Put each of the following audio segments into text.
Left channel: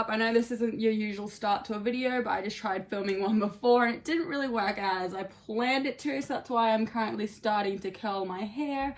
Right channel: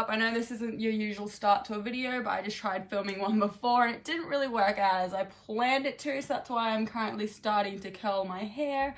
up. I know this isn't your usual start to a video, but I just tried filming one before and it didn't really work out as I planned it to, so that's why I'm currently starting to curl my hair.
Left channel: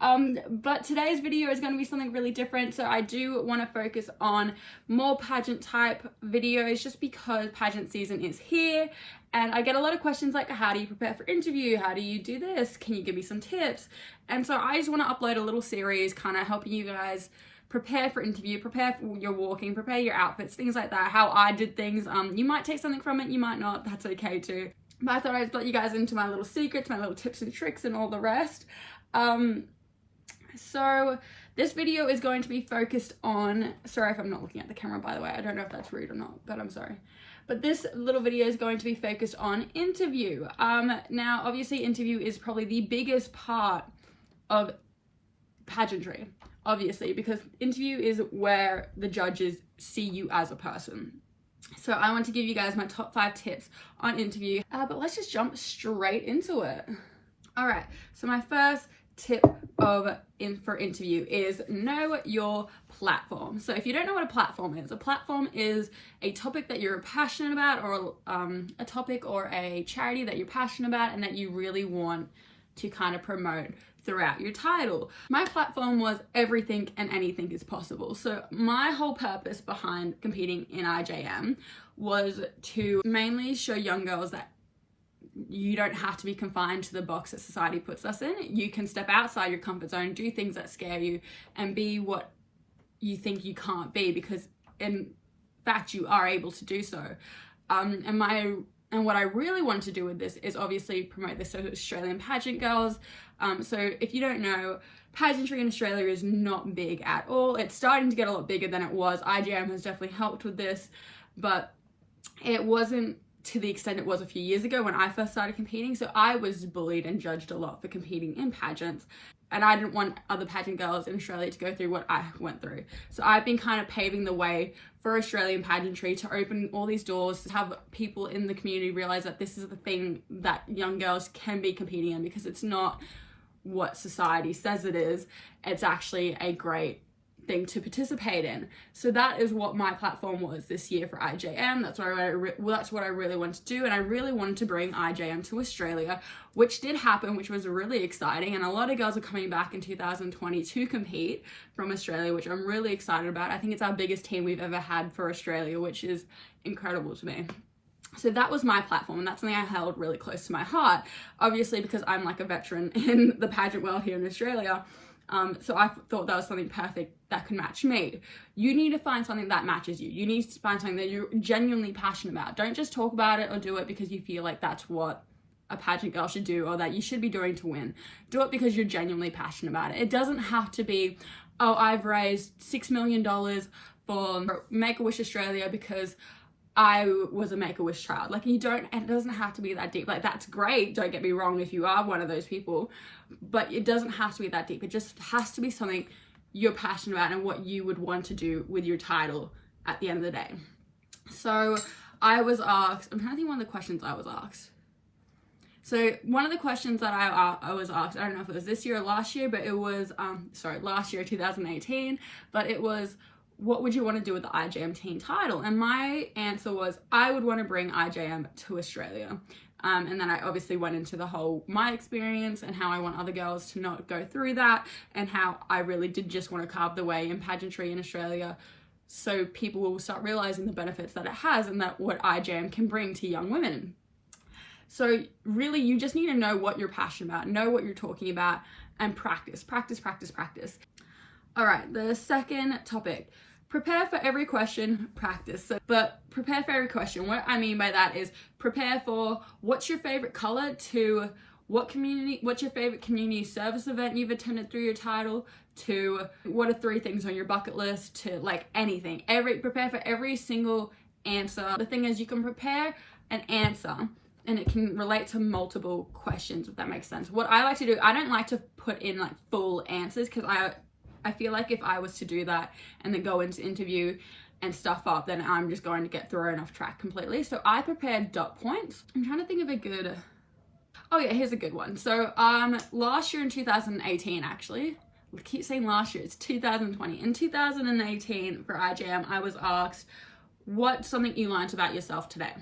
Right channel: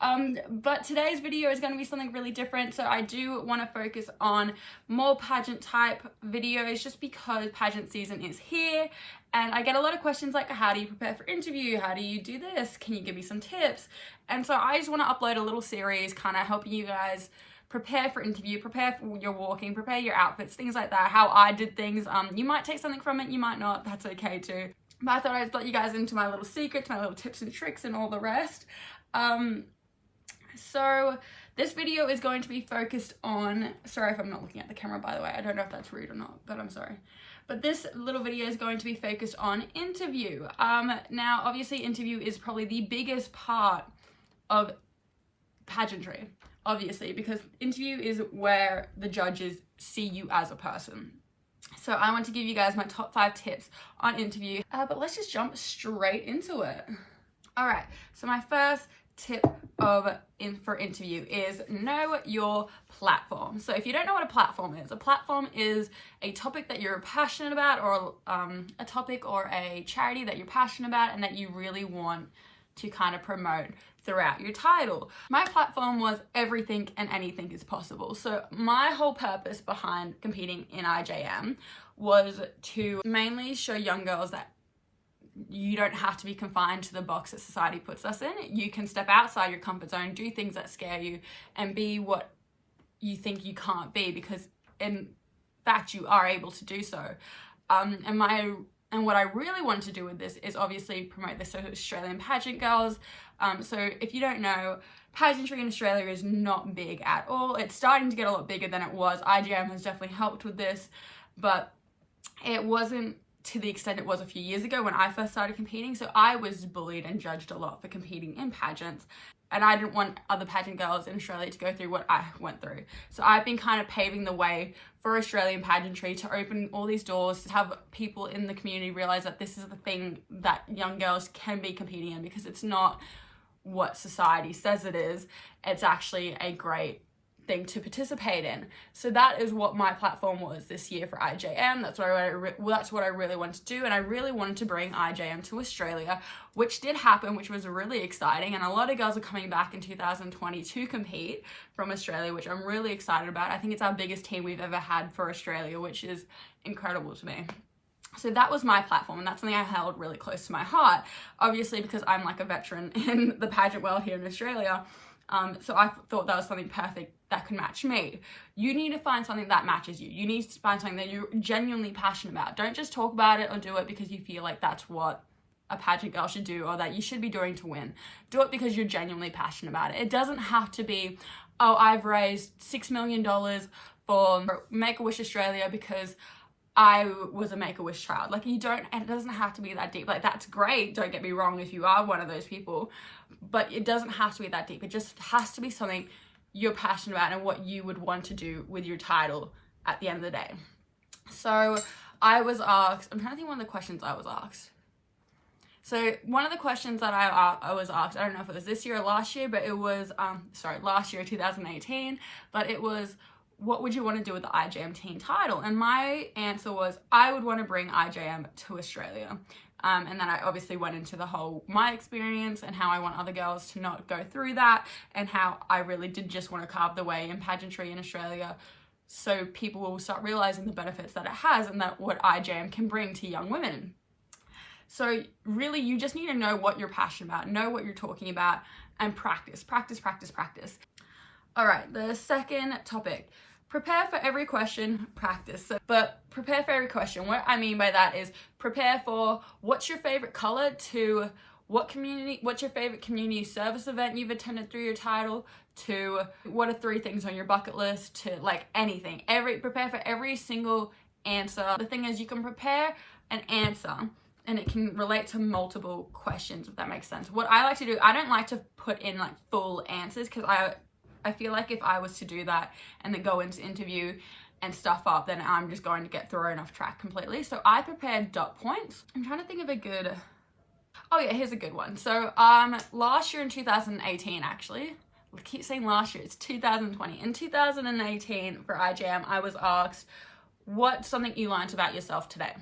But today's video is going to be something really different. So I do want to focus on more pageant type videos just because pageant season is here and I get a lot of questions like, how do you prepare for interview? How do you do this? Can you give me some tips? And so I just want to upload a little series kind of helping you guys prepare for interview, prepare for your walking, prepare your outfits, things like that, how I did things. You might take something from it, you might not, that's okay too. But I thought I'd let you guys into my little secrets, my little tips and tricks and all the rest. So this video is going to be focused on, sorry if I'm not looking at the camera by the way, I don't know if that's rude or not, but I'm sorry. But this little video is going to be focused on interview. Now obviously interview is probably the biggest part of pageantry, obviously, because interview is where the judges see you as a person. So I want to give you guys my top 5 tips on interview, but let's just jump straight into it. All right, so my first tip for interview is know your platform. So if you don't know what a platform is a topic that you're passionate about, or a topic or a charity that you're passionate about and that you really want to kind of promote throughout your title. My platform was everything and anything is possible. So my whole purpose behind competing in IJM was to mainly show young girls that you don't have to be confined to the box that society puts us in. You can step outside your comfort zone, do things that scare you, and be what you think you can't be, because in fact you are able to do so. And what I really wanted to do with this is obviously promote this to Australian pageant girls. So if you don't know, pageantry in Australia is not big at all. It's starting to get a lot bigger than it was. IJM has definitely helped with this, but it wasn't to the extent it was a few years ago when I first started competing. So I was bullied and judged a lot for competing in pageants, and I didn't want other pageant girls in Australia to go through what I went through. So I've been kind of paving the way for Australian pageantry to open all these doors, to have people in the community realize that this is the thing that young girls can be competing in, because it's not what society says it is. It's actually a great thing to participate in. So that is what my platform was this year for IJM. That's what I really wanted to do, and I really wanted to bring IJM to Australia, which did happen, which was really exciting, and a lot of girls are coming back in 2020 to compete from Australia, which I'm really excited about. I think it's our biggest team we've ever had for Australia, which is incredible to me. So that was my platform, and that's something I held really close to my heart, obviously because I'm like a veteran in the pageant world here in Australia. So I thought that was something perfect that could match me. You need to find something that matches you. You need to find something that you're genuinely passionate about. Don't just talk about it or do it because you feel like that's what a pageant girl should do or that you should be doing to win. Do it because you're genuinely passionate about it. It doesn't have to be, oh, I've raised $6 million for Make-A-Wish Australia because I was a Make-A-Wish child. Like, it doesn't have to be that deep. Like, that's great, don't get me wrong if you are one of those people, but it doesn't have to be that deep. It just has to be something you're passionate about and what you would want to do with your title at the end of the day. So I was asked, I'm trying to think one of the questions I was asked. So one of the questions that I was asked, I don't know if it was this year or last year, but it was, last year, 2018, but it was, what would you want to do with the IJM teen title? And my answer was, I would want to bring IJM to Australia. And then I obviously went into the whole, my experience and how I want other girls to not go through that, and how I really did just want to carve the way in pageantry in Australia, so people will start realizing the benefits that it has and that what IJM can bring to young women. So really, you just need to know what you're passionate about, know what you're talking about, and practice, practice, practice, practice. All right, the second topic, prepare for every question, practice. But prepare for every question, what I mean by that is prepare for what's your favorite color, to what's your favorite community service event you've attended through your title, to what are 3 things on your bucket list, to like anything. Prepare for every single answer. The thing is, you can prepare an answer and it can relate to multiple questions, if that makes sense. What I like to do, I don't like to put in like full answers, because I feel like if I was to do that and then go into interview and stuff up, then I'm just going to get thrown off track completely. So I prepared dot points. I'm trying to think of a good, oh yeah, here's a good one. So last year in 2018, actually, I keep saying last year, it's 2020. In 2018 for IJM, I was asked, what's something you learned about yourself today?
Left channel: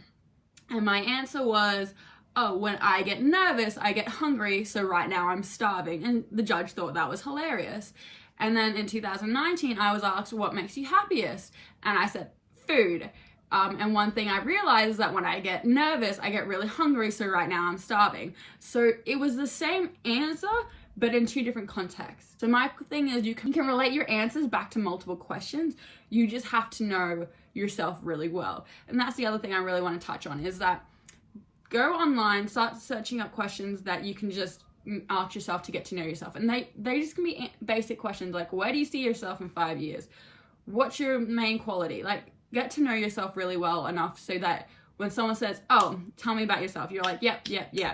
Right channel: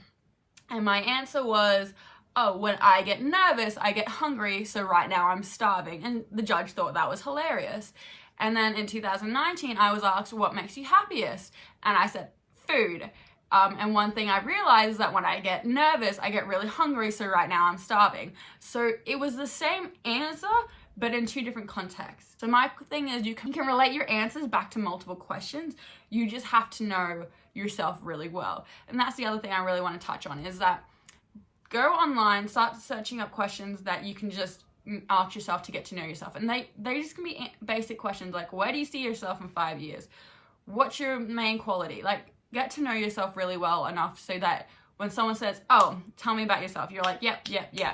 And my answer was, oh, when I get nervous, I get hungry, so right now I'm starving. And the judge thought that was hilarious. And then in 2019, I was asked, what makes you happiest? And I said, food. And one thing I realized is that when I get nervous, I get really hungry, so right now I'm starving. So it was the same answer, but in 2 different contexts. So my thing is you can relate your answers back to multiple questions. You just have to know yourself really well. And that's the other thing I really want to touch on, is that go online, start searching up questions that you can just ask yourself to get to know yourself. And they just can be basic questions like, where do you see yourself in 5 years? What's your main quality? Like, get to know yourself really well enough so that when someone says, oh, tell me about yourself, you're like, yep.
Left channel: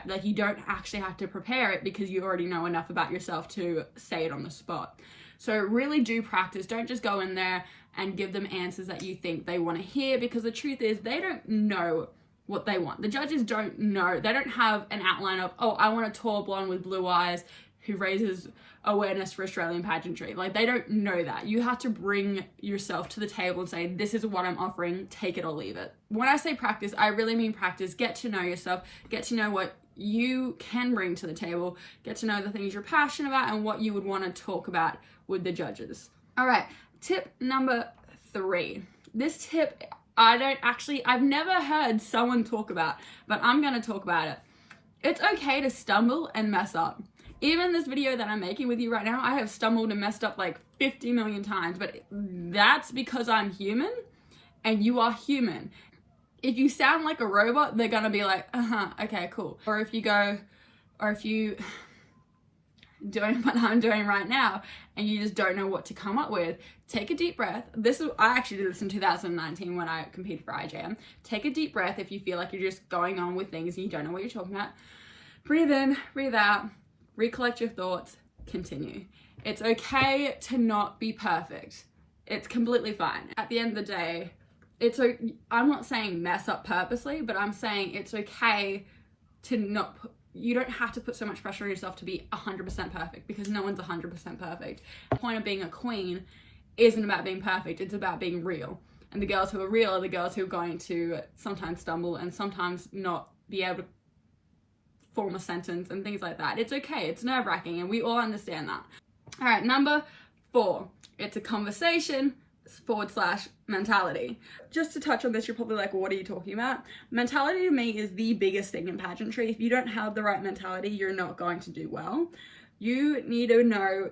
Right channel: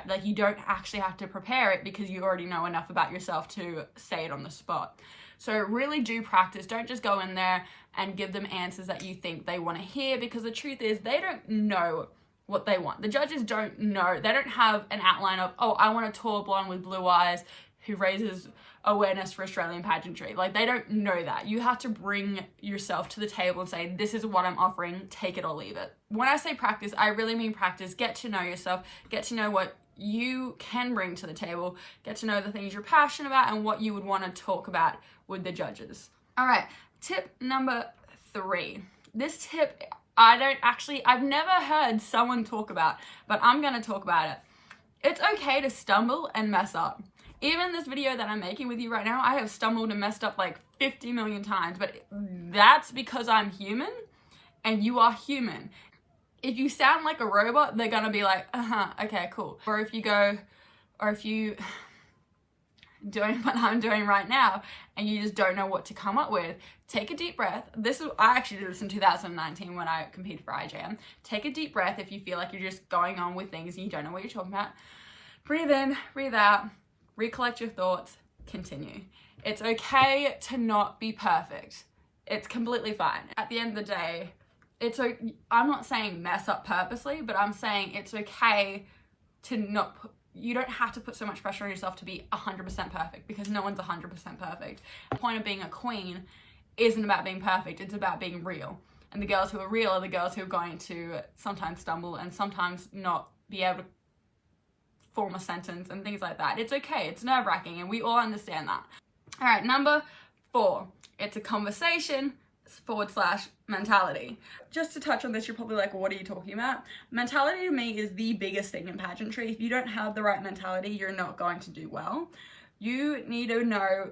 Like, you don't actually have to prepare it because you already know enough about yourself to say it on the spot. So really do practice. Don't just go in there and give them answers that you think they want to hear, because the truth is they don't know what they want. The judges don't know. They don't have an outline of, oh, I want a tall blonde with blue eyes who raises awareness for Australian pageantry. Like, they don't know that. You have to bring yourself to the table and say, this is what I'm offering, take it or leave it. When I say practice, I really mean practice. Get to know yourself, get to know what you can bring to the table, get to know the things you're passionate about and what you would want to talk about with the judges. All right, tip number 3. This tip, I've never heard someone talk about, but I'm gonna talk about it. It's okay to stumble and mess up. Even this video that I'm making with you right now, I have stumbled and messed up like 50 million times, but that's because I'm human and you are human. If you sound like a robot, they're gonna be like, okay, cool. Or if you doing what I'm doing right now and you just don't know what to come up with, take a deep breath. I actually did this in 2019 when I competed for IJM. Take a deep breath if you feel like you're just going on with things and you don't know what you're talking about. Breathe in, breathe out, recollect your thoughts, continue. It's okay to not be perfect. It's completely fine. At the end of the day, I'm not saying mess up purposely, but I'm saying it's okay to you don't have to put so much pressure on yourself to be 100% perfect, because no one's 100% perfect. The point of being a queen isn't about being perfect, it's about being real. And the girls who are real are the girls who are going to sometimes stumble and sometimes not be able to form a sentence and things like that. It's okay, it's nerve-wracking, and we all understand that. All right, number 4, it's a conversation / mentality. Just to touch on this, you're probably like, well, what are you talking about? Mentality to me is the biggest thing in pageantry. If you don't have the right mentality, you're not going to do well. You need to know,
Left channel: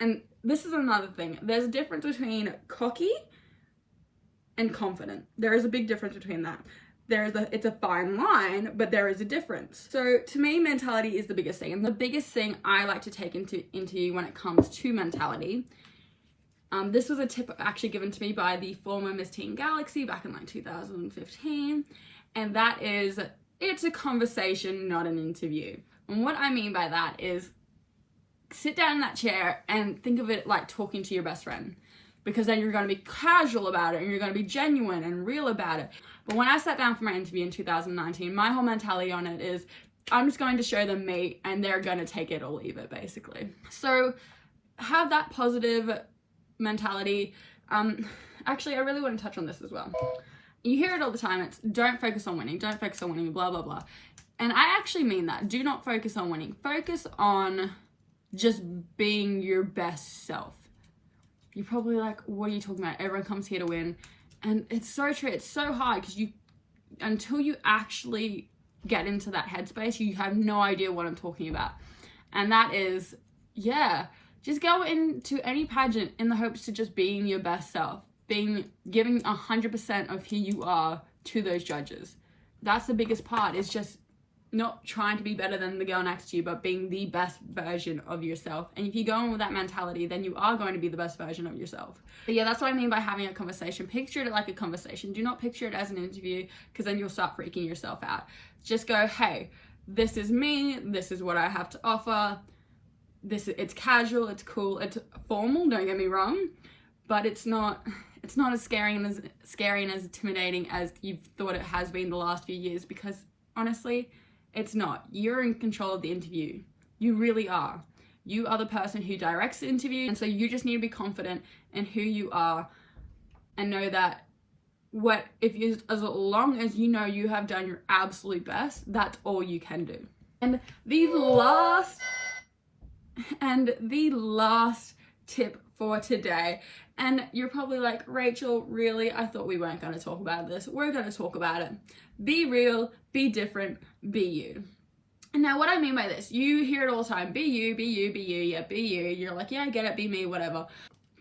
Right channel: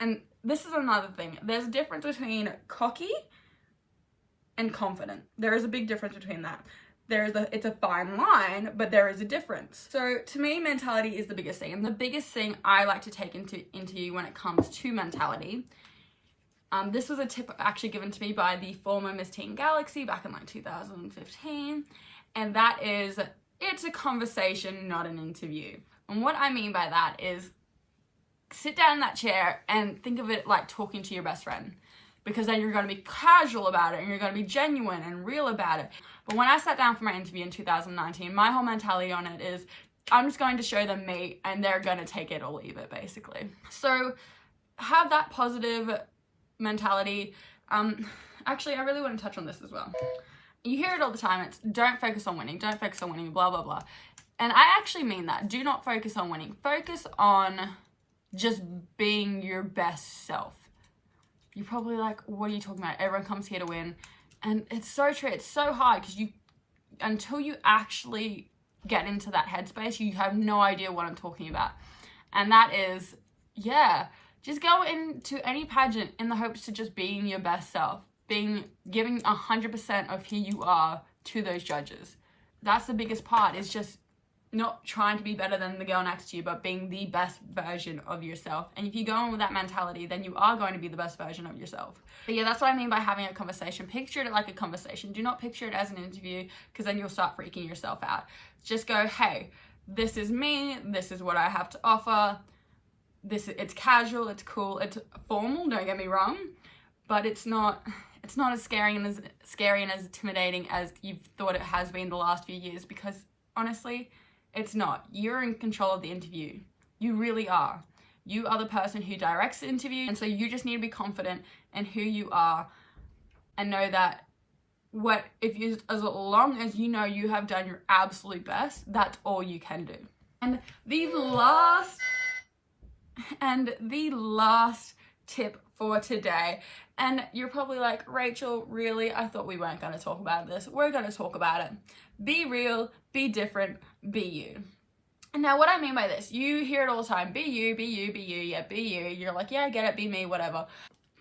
and this is another thing, there's a difference between cocky and confident. There is a big difference between that. It's a fine line, but there is a difference. So to me, mentality is the biggest thing. And the biggest thing I like to take into you when it comes to mentality, this was a tip actually given to me by the former Miss Teen Galaxy back in like 2015. And that is, it's a conversation, not an interview. And what I mean by that is, sit down in that chair and think of it like talking to your best friend, because then you're going to be casual about it and you're going to be genuine and real about it. But when I sat down for my interview in 2019, my whole mentality on it is, I'm just going to show them me and they're going to take it or leave it, basically. So have that positive mentality. Actually, I really want to touch on this as well. You hear it all the time. It's don't focus on winning, blah, blah, blah. And I actually mean that. Do not focus on winning. Focus on just being your best self. You're probably like, what are you talking about? Everyone comes here to win. And it's so true. It's so hard because until you actually get into that headspace, you have no idea what I'm talking about. And that is, just go into any pageant in the hopes to just being your best self, giving 100% of who you are to those judges. That's the biggest part, is just not trying to be better than the girl next to you, but being the best version of yourself. And if you go in with that mentality, then you are going to be the best version of yourself. But yeah, that's what I mean by having a conversation. Picture it like a conversation. Do not picture it as an interview, because then you'll start freaking yourself out. Just go, hey, this is me, this is what I have to offer. It's casual, it's cool, it's formal, don't get me wrong, but it's not as scary and as intimidating as you've thought it has been the last few years, because honestly, it's not. You're in control of the interview. You really are. You are the person who directs the interview, and so you just need to be confident in who you are and know that as long as you know you have done your absolute best, that's all you can do. And the last tip for today, and you're probably like, Rachel, really? I thought we weren't going to talk about this. We're going to talk about it. Be real, be different, be you. Now, what I mean by this, you hear it all the time. Be you, be you, be you. Yeah, be you. You're like, yeah, I get it. Be me, whatever.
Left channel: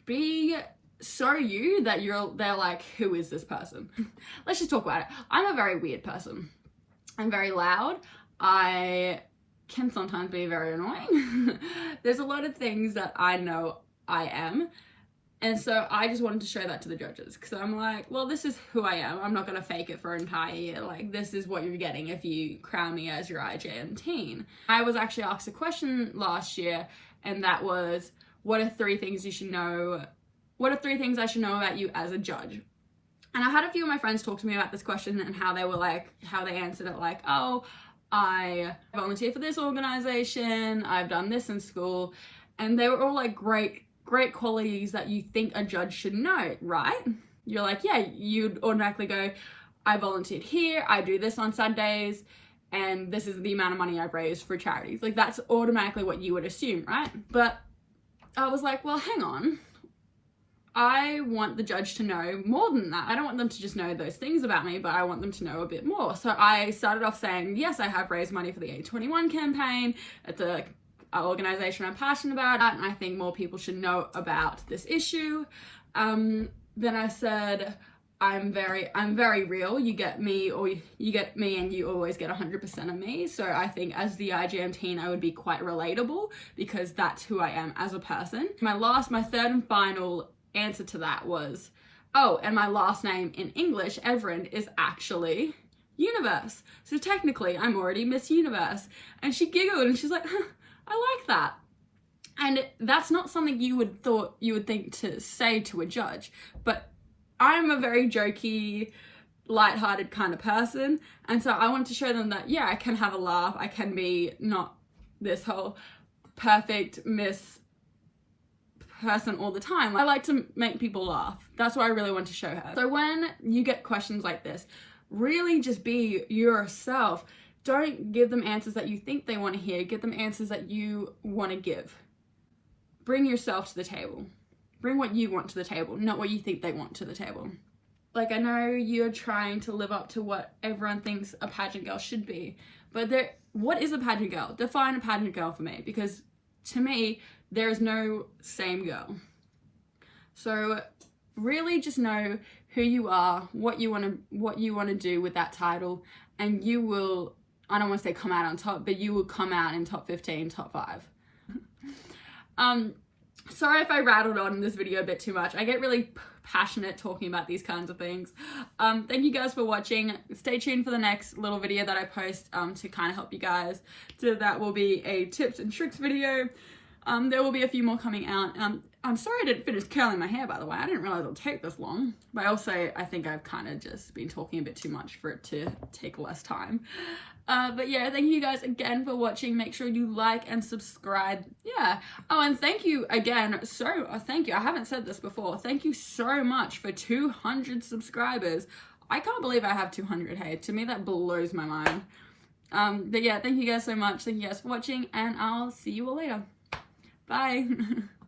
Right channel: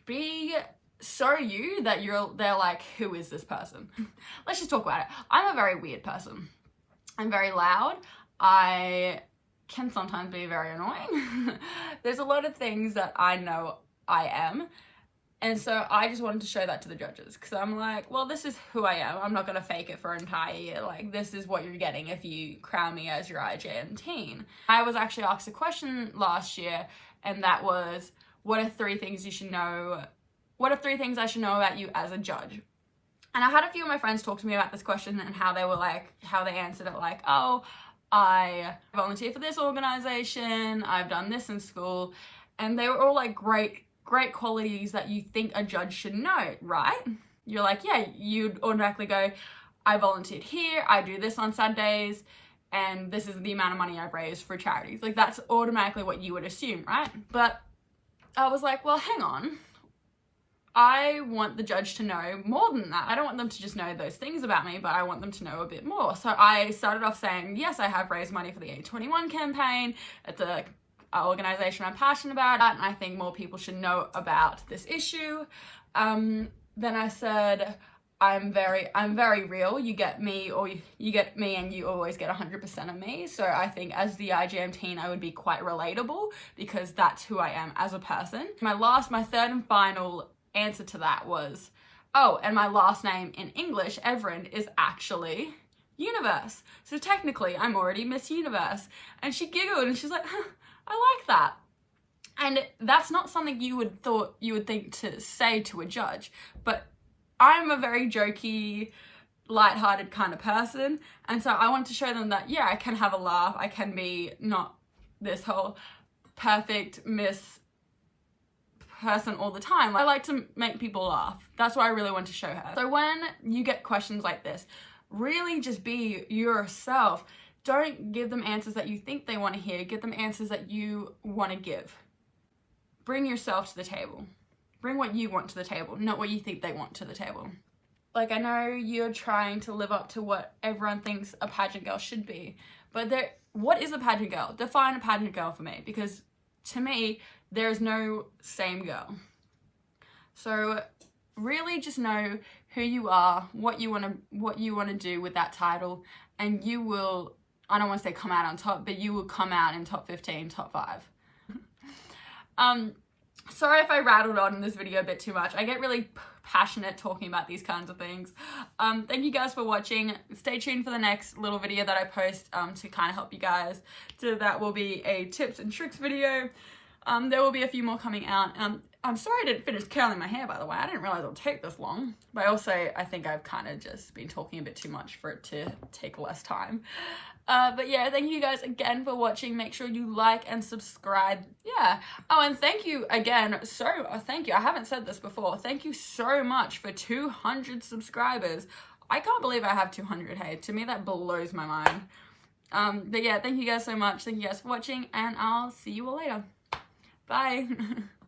Be so you that they're like, who is this person? Let's just talk about it. I'm a very weird person. I'm very loud. I can sometimes be very annoying. There's a lot of things that I know I am. And so I just wanted to show that to the judges, because I'm like, well, this is who I am. I'm not going to fake it for an entire year. Like, this is what you're getting if you crown me as your IJM teen. I was actually asked a question last year, and that was, what are 3 things you should know? What are 3 things I should know about you as a judge? And I had a few of my friends talk to me about this question and how they answered it like, oh, I volunteer for this organization, I've done this in school. And they were all like great qualities that you think a judge should know, right? You're like, yeah, you'd automatically go, I volunteered here, I do this on Sundays, and this is the amount of money I've raised for charities. Like, that's automatically what you would assume, right? But I was like, well, hang on. I want the judge to know more than that. I don't want them to just know those things about me, but I want them to know a bit more. So I started off saying, yes, I have raised money for the A21 campaign. It's an organization I'm passionate about, and I think more people should know about this issue. Then I said, I'm very real. You get me, or you get me and you always get 100% of me. So I think as the IJM teen, I would be quite relatable, because that's who I am as a person. My third and final answer to that was, oh, and my last name in English, Evren, is actually Universe. So technically I'm already Miss Universe. And she giggled and she's like, huh, I like that. And that's not something you would think to say to a judge, but I'm a very jokey, lighthearted kind of person. And so I wanted to show them that, yeah, I can have a laugh. I can be not this whole perfect Miss person all the time. I like to make people laugh. That's what I really want to show her. So when you get questions like this, really just be yourself. Don't give them answers that you think they want to hear. Give them answers that you want to give. Bring yourself to the table. Bring what you want to the table, not what you think they want to the table. Like, I know you're trying to live up to what everyone thinks a pageant girl should be, but what is a pageant girl? Define a pageant girl for me, because to me, there is no same girl. So really just know who you are, what you want to do with that title, and you will, I don't want to say come out on top, but you will come out in top 15, top 5. Sorry if I rattled on in this video a bit too much. I get really passionate talking about these kinds of things. Thank you guys for watching. Stay tuned for the next little video that I post to kind of help you guys. So that will be a tips and tricks video. There will be a few more coming out. I'm sorry I didn't finish curling my hair, by the way. I didn't realize it would take this long. But also, I think I've kind of just been talking a bit too much for it to take less time. But yeah, thank you guys again for watching. Make sure you like and subscribe. Yeah. Oh, and thank you again. Thank you. I haven't said this before. Thank you so much for 200 subscribers. I can't believe I have 200. Hey, to me, that blows my mind. But yeah, thank you guys so much. Thank you guys for watching, and I'll see you all later. Bye.